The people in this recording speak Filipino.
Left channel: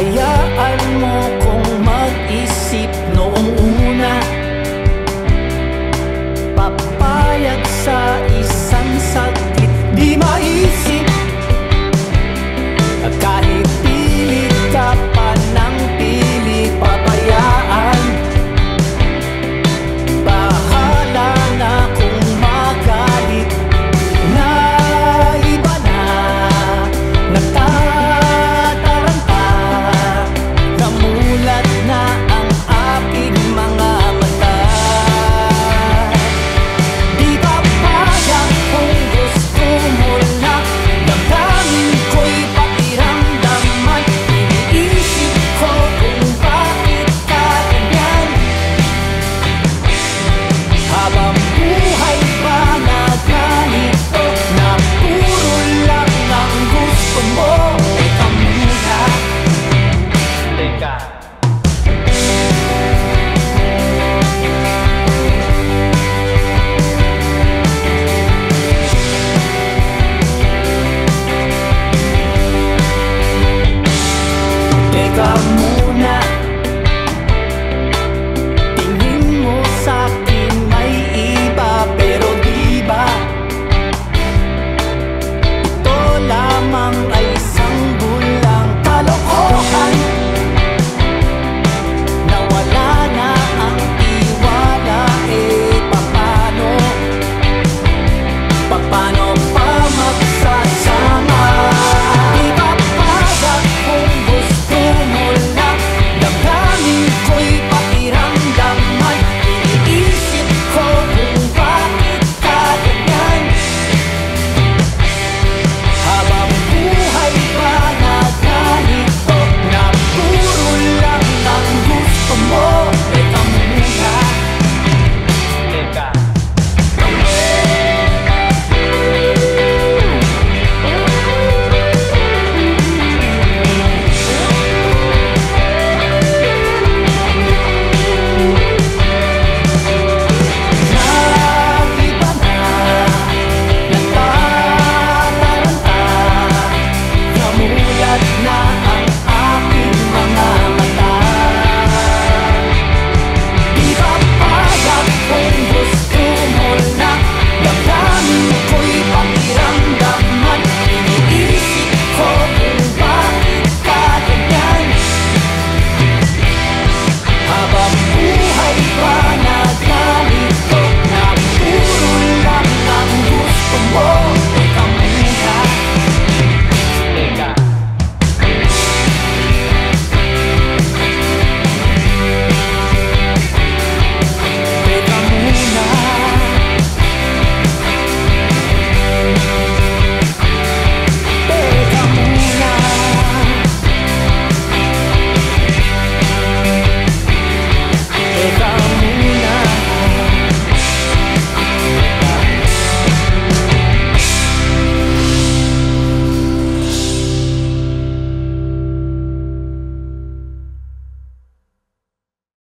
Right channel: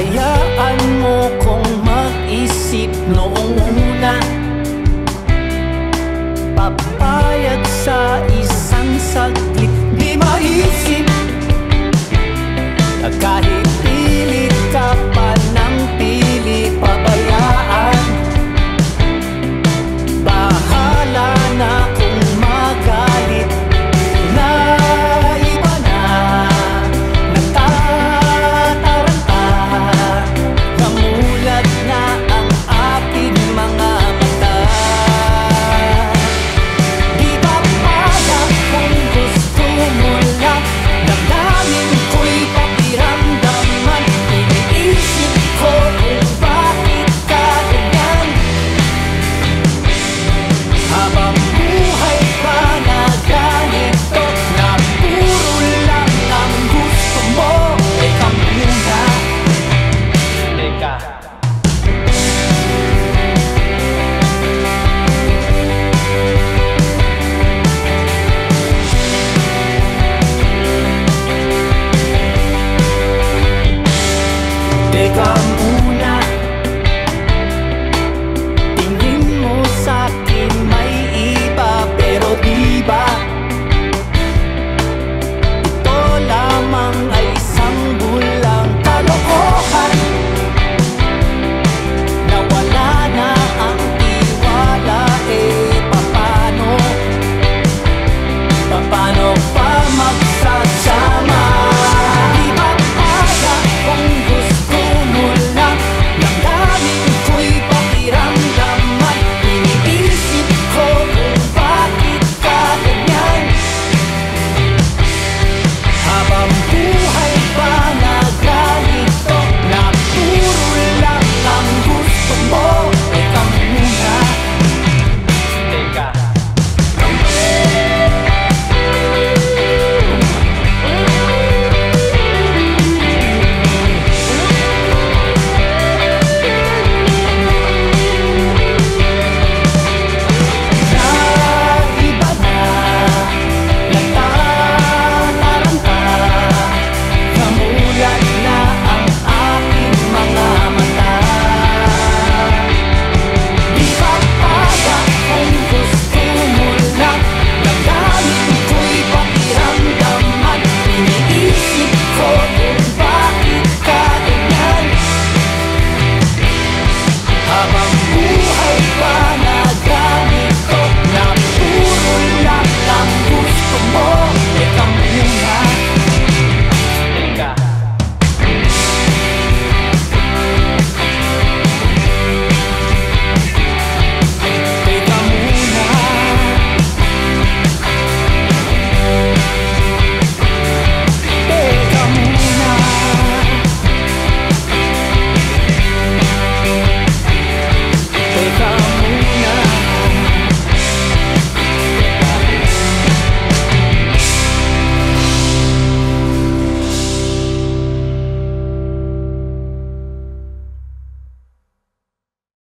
Hayaan mo kong mag-isip noong una. Papayag sa isang saglit, di maisip. Kahit pilit ka pa ng pilit, pabayaan. Bahala na kung magalit na iba na natataranta. Namulat na ang aking mga mata. Di papayag kung gusto mo lang, damdamin ko'y pakiramdaman. Iniisip ko kung bakit ka ganyan. Habang buhay ba na ganito, na puro lang ang gusto mo? Teka muna, teka. Teka muna, tingin mo sa'kin may iba, pero di ba ito lamang ay isang bulang kalokohan? Nawala na ang tiwala, papano? Paano pa magsasama? Di papayag kung gusto mo lang, damdamin ko'y pakiramdaman. Iniisip ko kung bakit ka ganyan. Habang buhay pa na ganito, na puro lang ang gusto mo? Teka muna, teka. Na ang aking mga mata. Di papayag kung gusto mo lang, damdamin ko'y pakiramdaman. Iniisip ko kung bakit ka ganyan. Habang buhay pa na ganito, na puro lang ang gusto mo? Teka muna, teka. Teka muna, teka muna, teka